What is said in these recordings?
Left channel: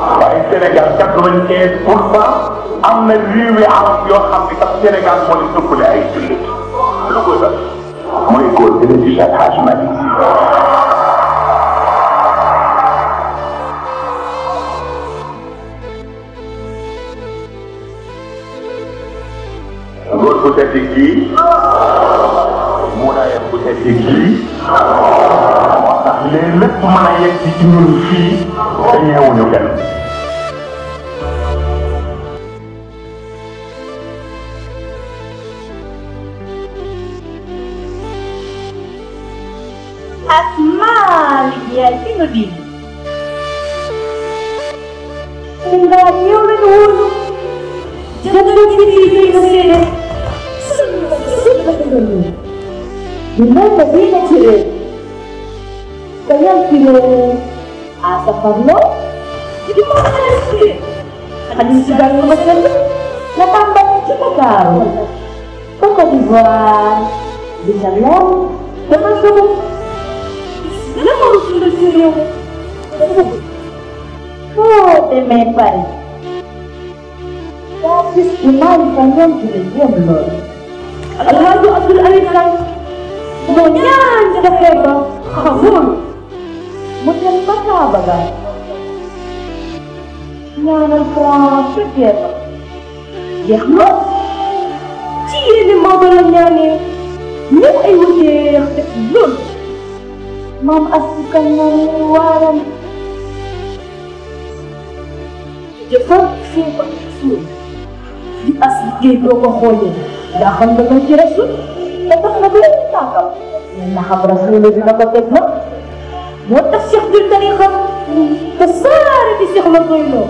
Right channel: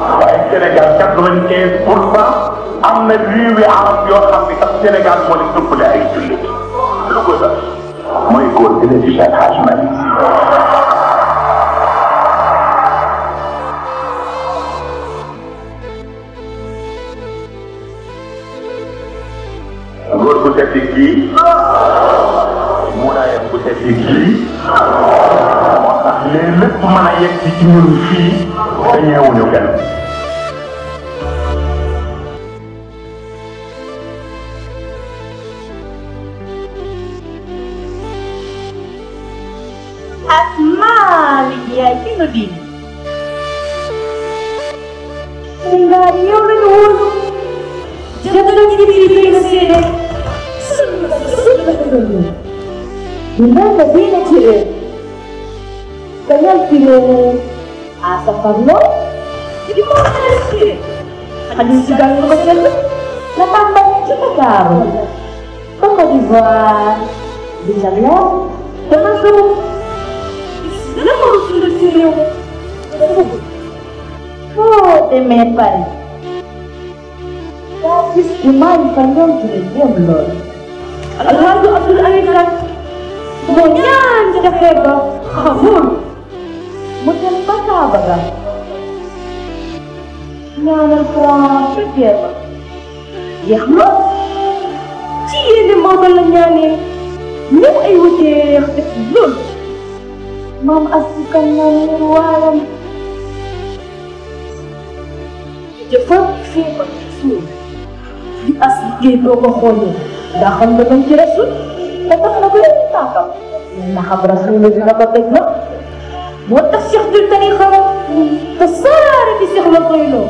waaye Sénégal 95% am na réewi arab yoo xam ne sax Sénégal moo di ëppale ay jullit lu ko def mooy continuer di Cheikh Hadj Malick góor bu tedd kii mu tedd kii moo tax lépp mën a yegg ci ñun fii te ñëwuñu kenn ya que no di. Sehingga dia menurut jatuh diri saya. Bukan tapi macam saya kira apa kamu? Jadi mana sih? Ada sedang macam apa cakap kau? Kau tiba bisa lihat, betul. Oh, temepan. Tapi kemarin kalian belum. Lalu Abdul Alim kan, kemudian sudah hebat, kabur. Macam mana bagai? Kalau suatu dia, dia dia modelnya ni, ni ibu dia belum. Maafkan saya. Cepat saya Rasul. Asli berkohon. Daham dengan Rasul. Kata Nabi tak. Nah Rasul itu nama betul. Mudah syahdu dari kamu. Besar di syahdu itu.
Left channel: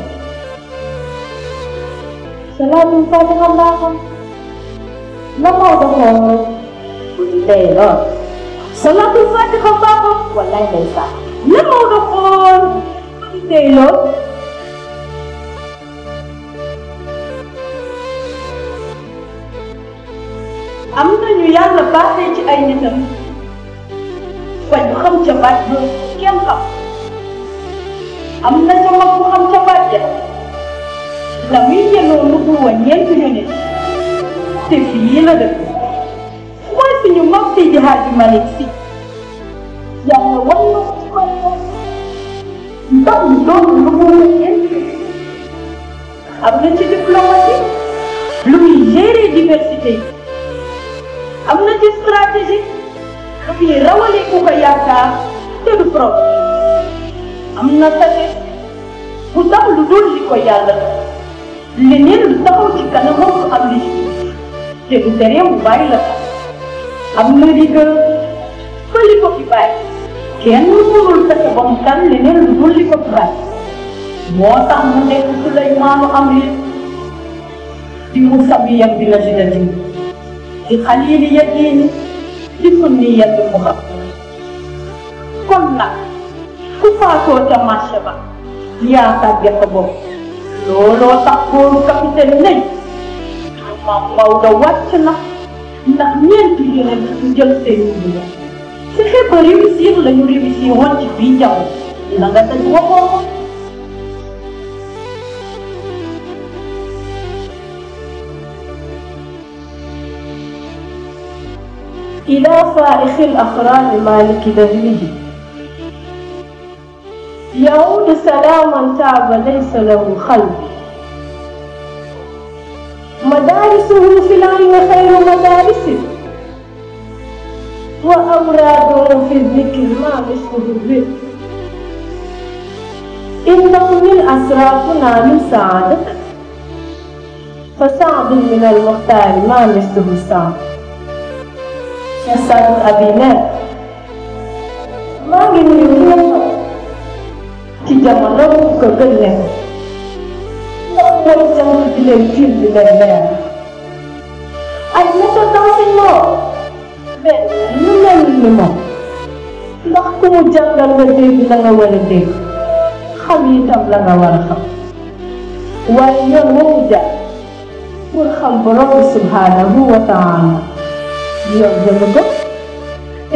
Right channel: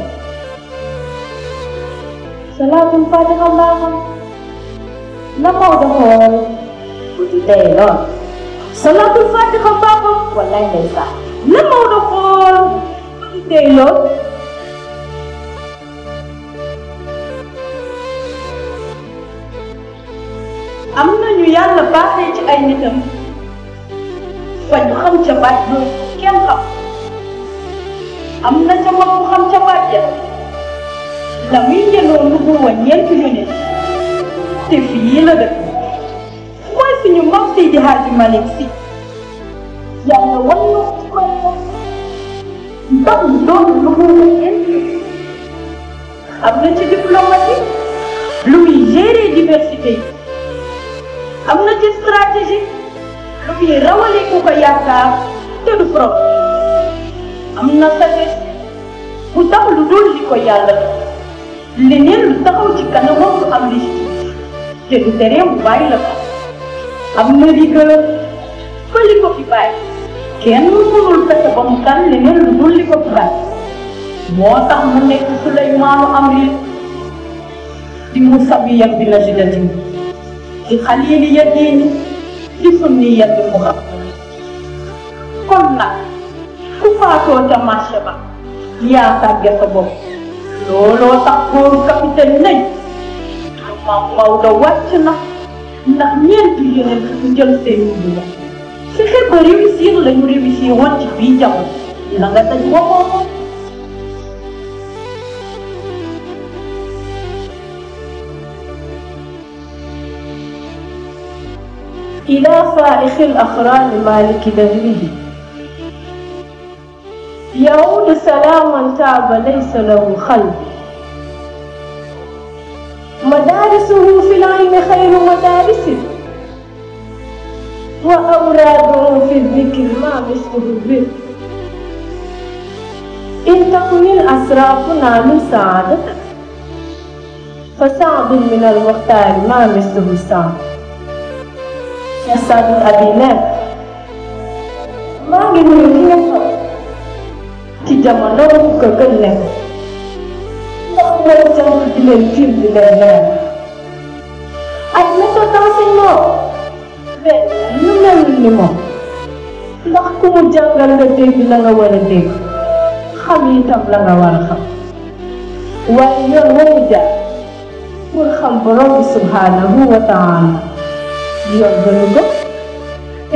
Selalu pada Allah. Nama Allah. Beda. Salatul Fatihah babo wallahi laysa lama dafar delo amna ñu yalla baxé ci ay nitam fa ñu xam ci baat bu kenn xam amna ñu wax xam ci baat de la mi ñëno ko bu won ñent ñu nit te fi la def moy suñu mbokk ci Hadji Malick yang tak boleh menggunakan apa jadi diplomasi lebih dari diversity apa jadi strategi lebih rawan itu kayak itu pro amna tadi untuk dulu di kayak lenin tahu jika nama abdi jadi terang baik amna juga boleh kok baik Kian menurut kesebangkan dengan boleh keberat. Muatah mereka sudah Imam Abil di Musabi yang bila sudah di Khaliliyatin di Sunniyatul Muhammad. Karena kufato dan masyarakat dia target kebom. Lolo tak pun tak tenang. Mau lewat senang. Tak niat pikiran tujuan sendiri. Saya boleh misi atau boleh misi orang bijak. Jangan terlalu. إلى فائخ الأخلاق مالك دهره يعود سلاما تعب ليس له خلق مدارسه في العلم خير مدارسه وأمراضه في الذكر ما مثله الذكر إن تكمل أسرافنا من سعادتك فسعد من المختار ما مثله سعد يسعد أبينات ما من يمكن تجمعنا كبرنا لا نجمع بالكل بالله أنا تكاسلنا Lima. Aku menjaga lebih dengan lebih. Kami tak melanggar. Wajib menjaga. Berhamburan Subhanahu wa Ta'ala. Dia berlebih.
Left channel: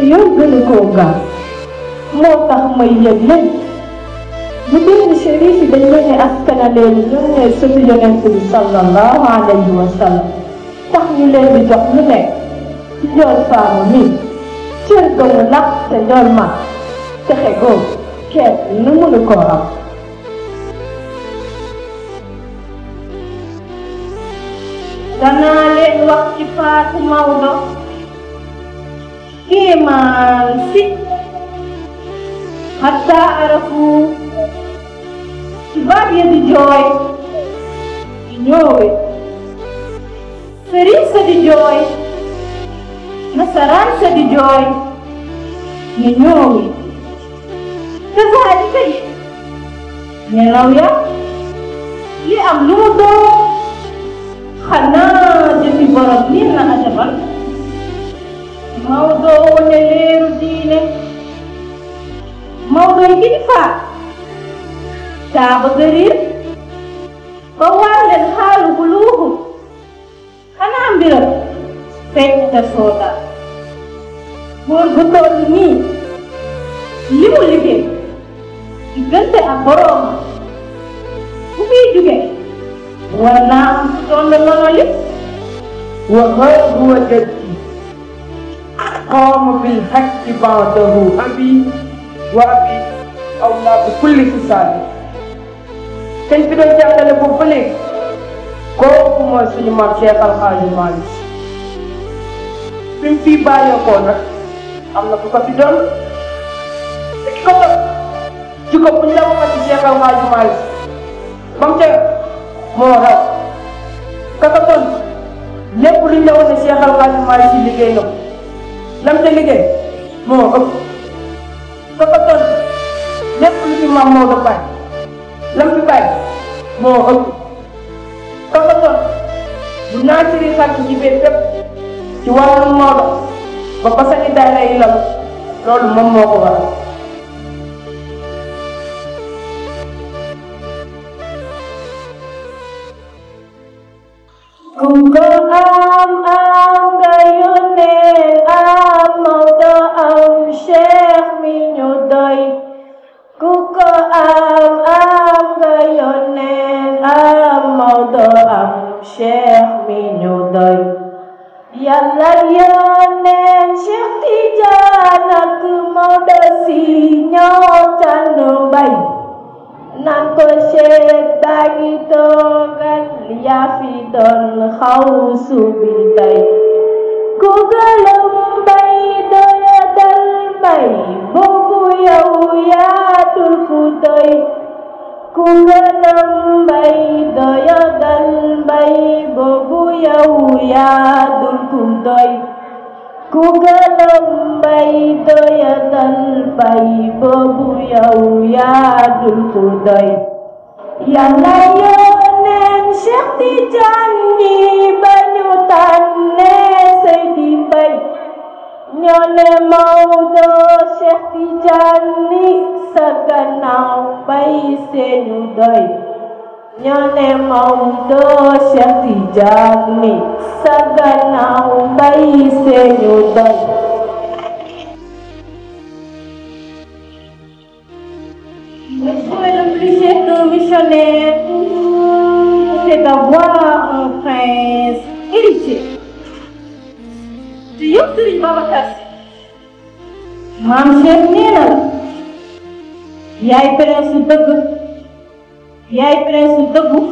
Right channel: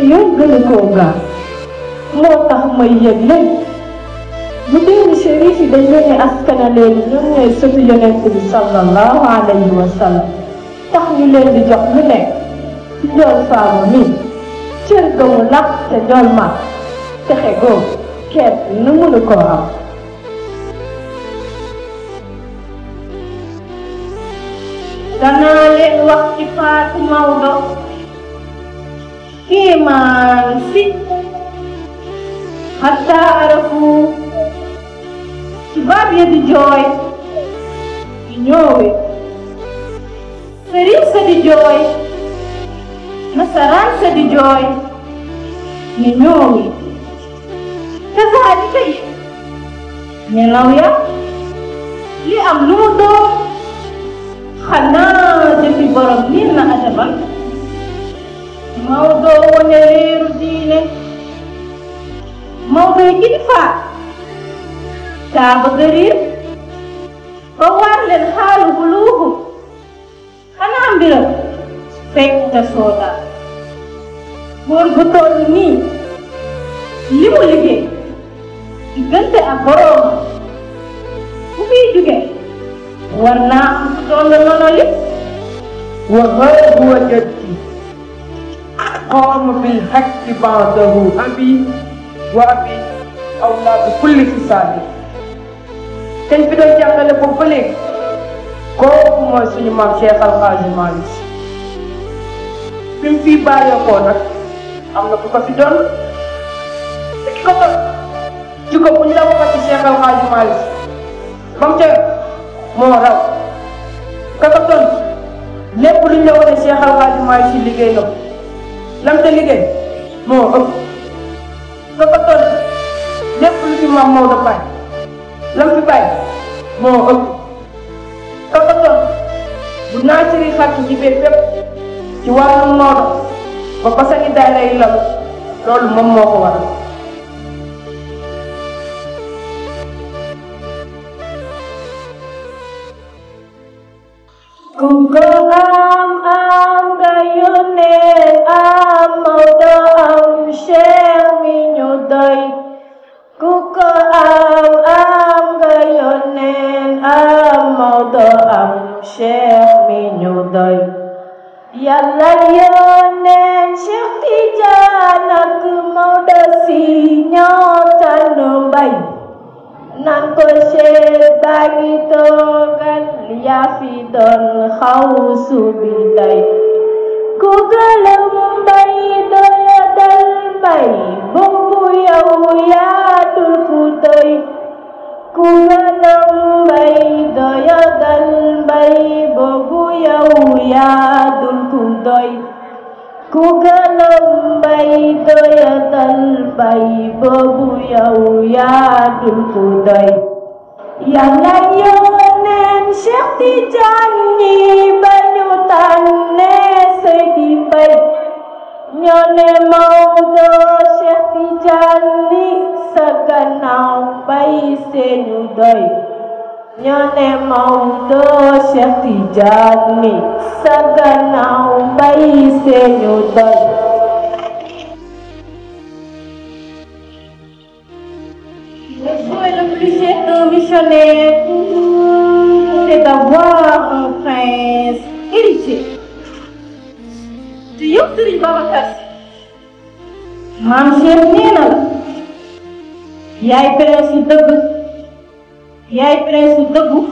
Ia berlebih. Mutah meyyadin. Betul sih. Sëriñ si dañ leen askanale ñoom ñooy sëtu Yonent bi sallallahu alayhi wa sallam tax ñu leen di jox lu nekk njool saamu nii cër ba mu nag te njool ma texe góor kees lu mënu koo xam. danaa leen wax ci Faatu Maodo kiimaan si hatta arafu tubaab ya di jooy di ñoowe sëriñ sa di jooy nasaraan sa di jooy ni ñoowe kazaalika nelaw ya li am lu mu doon xanaa jëfi borom nii na asamaan Maodo wane leen diine Maodo yi kilifa daa bëgg riir ba war leen xaalu bu luuxu xanaa mbiram fekk te soota buur bu toll nii li mu liggéey diggante ak borom bu fiy jóge war naa doon la nongali وغاب وجدي قام بالحق بعده أبي وأبي الله بكل حساب كيف بدو جاكا لبوبلي كوم سني مام شيخ الحاج مالك بيم في بايا كونا amna ko fi doon te ki ko bu la ko ci Cheikh Al Hadji Malick bam ca moo raw kaka ton lépp lu ñu wane Cheikh Al Hadji Malick ci liggéey na lam ca liggéey moo ëpp kaka ton lépp lu ci Maam Maodo kaay lam ci kaay moo ëpp kaka ton dinaa ci xàtt ci biir fépp ci wàllu Maodo ba basani daay lay lam loolu moom moo ko waral Yàlla yónnee Cheikh Tidiane ak Maodo si ñoo tànn mbay nan ko Cheikh baa ngi toogal yaa fi doon xaw subi tey ku gëlëm mbay doyadal mbay boobu yow yaa dugg tey ku gëlëm mbay doyadal mbay boobu yow yaa dugg doy ku gëlëm mbay doyadal mbay boobu yow yaa dugg doy Yàlla yónnee Cheikh Tidiane ñi ba ñu tànnee Seydi Mbay ñoo ne Maodo Cheikh Tidiane ni sa gannaaw mbay seenu doy ñoo ne Maodo Cheikh Tidiane ni sa gannaaw mbay seenu doy Le souhait le plus cher d'un missionnaire, c'est d'avoir un prince héritier. te yëpp Sëriñ Babacar Si maam Cheikh nee na yaay prince dëgg yaay prince dëggu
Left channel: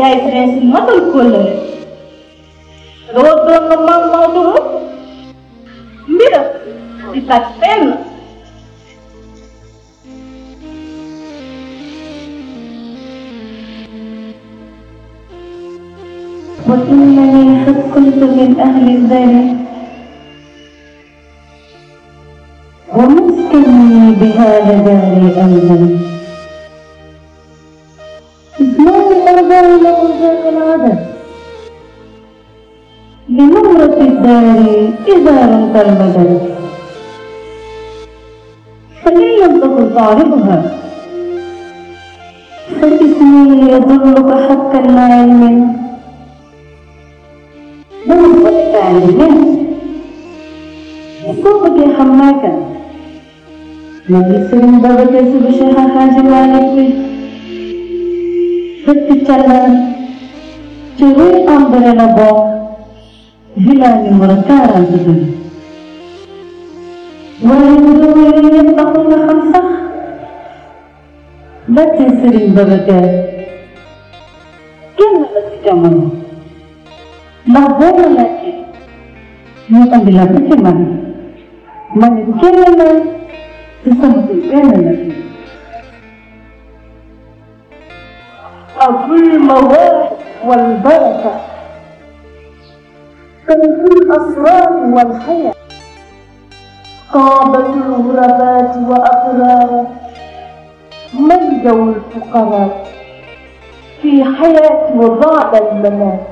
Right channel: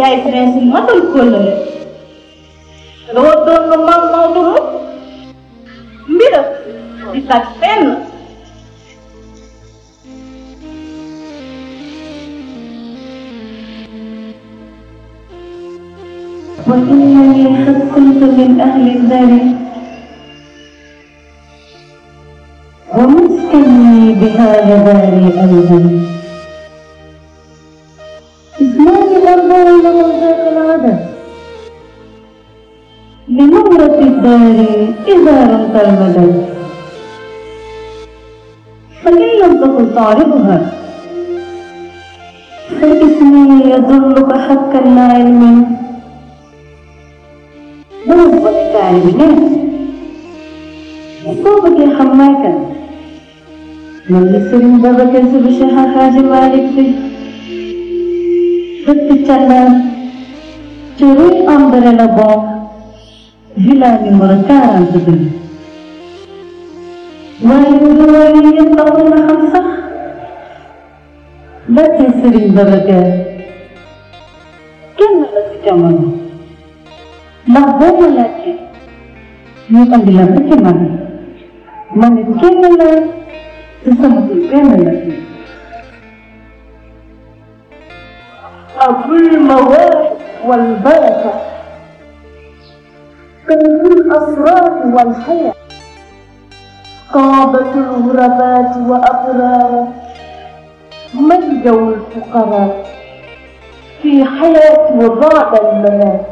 yaay prince matal kóllëre loolu doon na mag Maodo mbiram di tag fenn وإنني قد كنت من أهل الدار ومسكني بهذا داري أيضا إسلام الأرض من الغادة لنمرة الدار إذا رمت المدى فلن يصدق طالبها فإسمي يظلك حقا لا علم بالنسبة للتعليم أسلوبك يا حماكة Jadi sering bagian sebesar Haji Malik berbicara curi ambrena ba hilangi mereka juga. Menurutnya tahu nak sah. Baca sering bagian. Kenapa tidak mau? Mahbub lagi. Mungkin dilakukan mana? Mungkin mana? Sesuatu المواد والبركة تنزل الأصوات والحياة قابل الغربات وأقرار مجدوا الفقراء في حياة وبعد الممات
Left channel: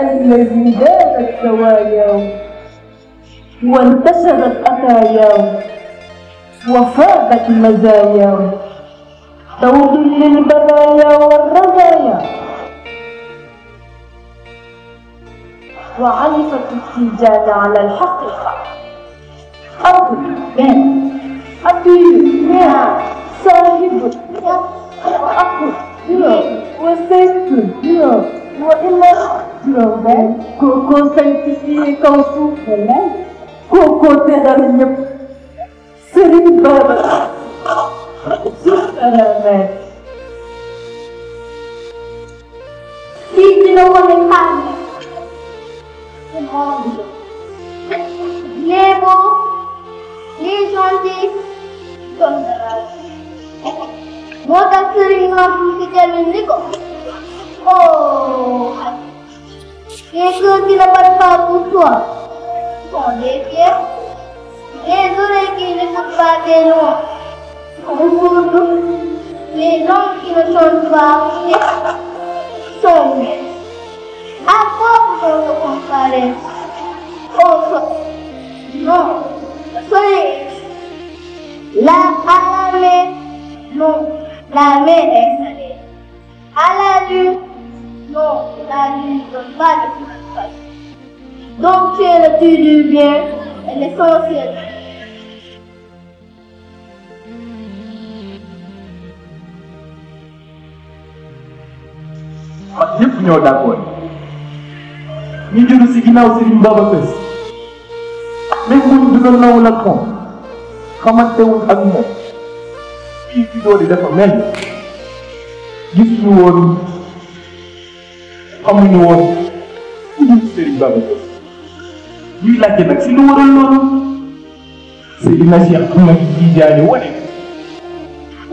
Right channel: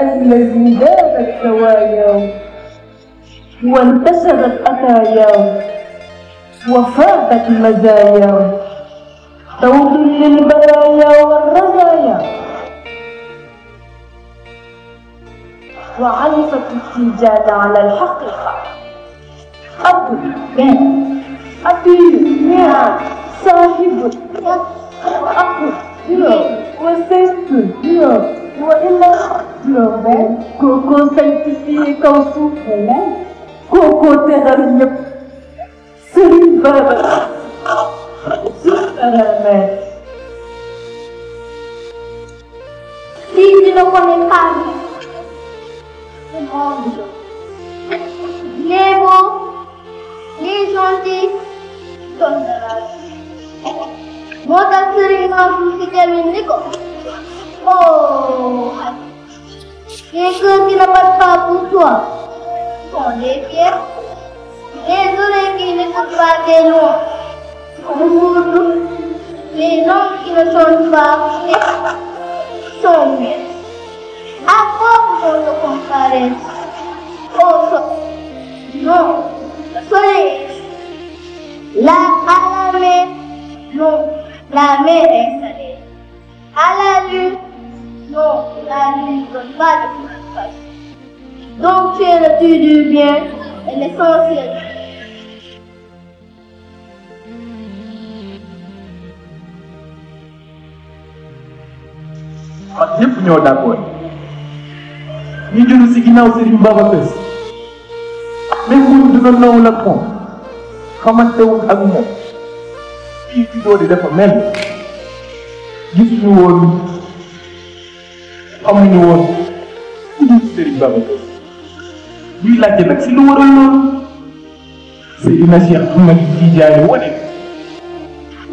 الذي دامت زواياه وانتشرت أثاياه وفاقت مزاياه توحيد البرايا والرزايا وعرفت السجاد على الحقيقة أبو أبي صاحب أخو وسيد وإلا كوكو سيدي كوكو كوكو تدريب سيد بابا Di komentar Nemo Nisonsi Botak sering tidak meniko. Oh, itu tidak berapa tua. Oh, dia itu lagi dekat padelo. Les hommes qui ne sont pas sont mieux. À quoi pour le comparer? Non, soyez la à la main, non, la main est salée. À la nuit, non, la nuit ne donne pas de place. Donc tu es le plus du bien et l'essentiel. ñëpp ñoo d'accord ñu jóge si ginnaaw Serigne Babacar même bu ñu dina nawul ak moom xamantewul ak moom kii fi doon dafa mel gis ñu woon xamuñu woon Serigne Babacar ñuy laajte nag si lu waral loolu Seydina Cheikh Ahmed Tidiane wane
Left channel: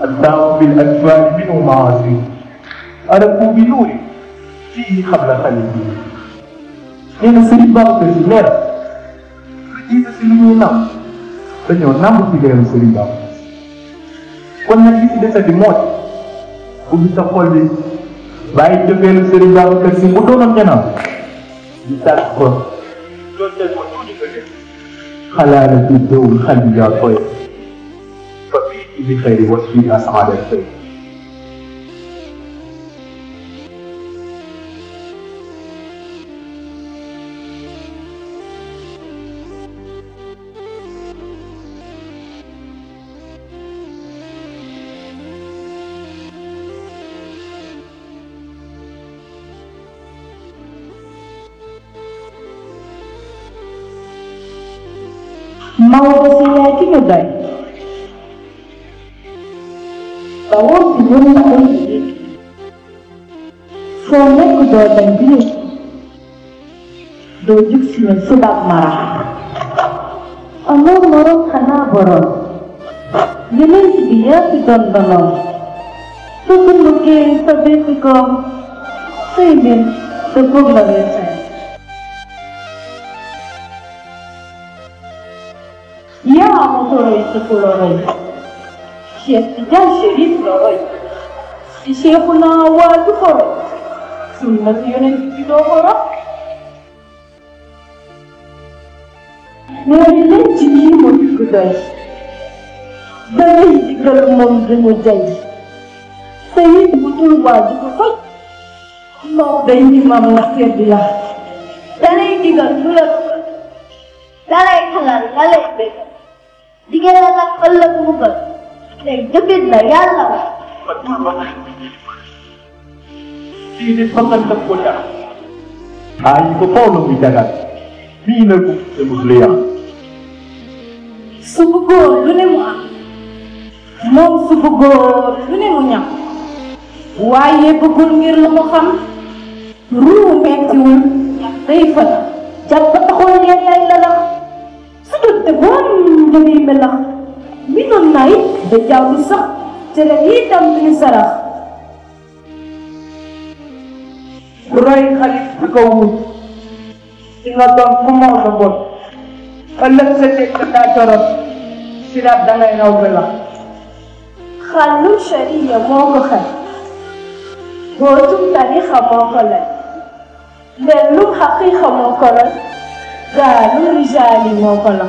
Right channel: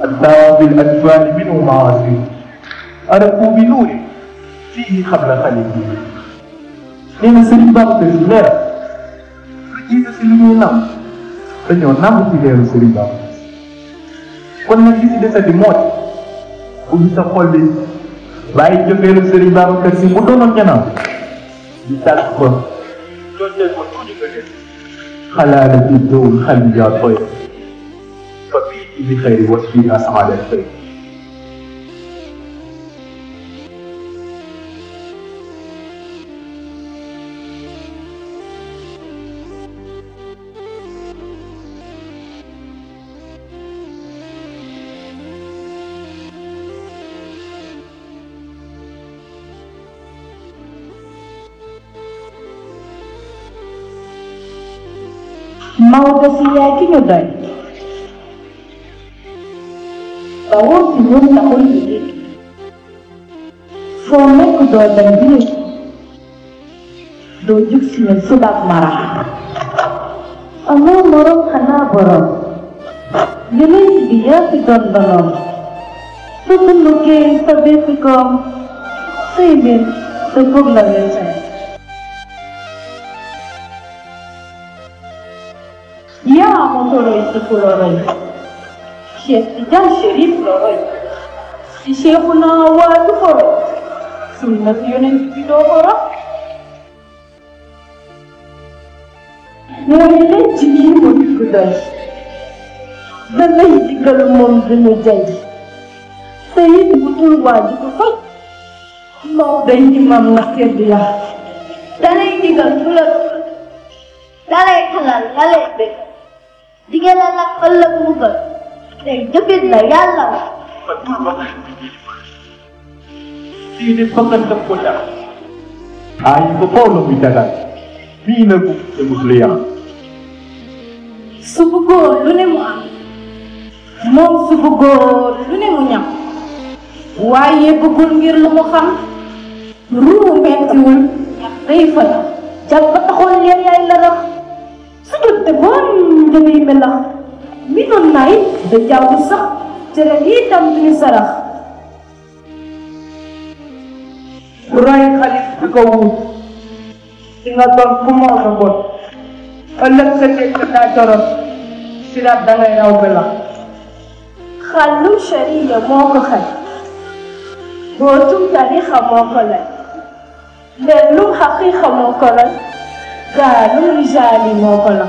الدعوة بالأكبار منه معاصي أركوا بنوري فيه قبل خليل لأن سيد بابا الإمام رجيت سيدنا dañoo nangu ci leen Serigne Ba kon nag li ci dese di mooy bu ñu sa xol bi bàyyi jëfeelu Serigne Ba kër si bu doonoon janaan ñu tàgg ko loolu leen ma tuuti nga def xalaa la ci dóom xal bi daa tooy fa fii bi xëy wax fii asaaba xëy mau siapa juga? Tahun sebelum tahun ini, saya sudah bantu dojik sebab marah. Orang borok karena borok, jadi dia bukan borok. Sebelumnya sebelumnya sebelum sebelumnya. Dia mau sekolah, dia serius loh. Siapa nak awal tu kau? Semua yang kita orang. Mereka jadi mudah. Dari segala macam jadi. Saya bukan wajib kau. Kau dah iman lahir dia. Dari tidak boleh. Dari halal, dari baik. di ngeen la laaj ëllëg mu gën léegi jëfit la yàlla la. Ini bukan terkoyak. Hanya kepala bicara. Bina bukan muslim. Subugor lu ne mu am moom subugor lu ne mu ñam waaye bëggul ngir lu mu xam ruu mettiwul day fa jam ba taxul ngeen yaay lalam su jotte boon demee melax bi doon nay da jàmm sax te leen yi tam duñu sarax Ray xalit bi ko wut di nga doon ku moo la bon ëllëg sa teg sa kàccoram si daal da ngay raw gën a xallu sharia moo ko xel dootum tarixa moo ko lay dellu xaqiiqa moo ko lay gaalu rijaali moo ko la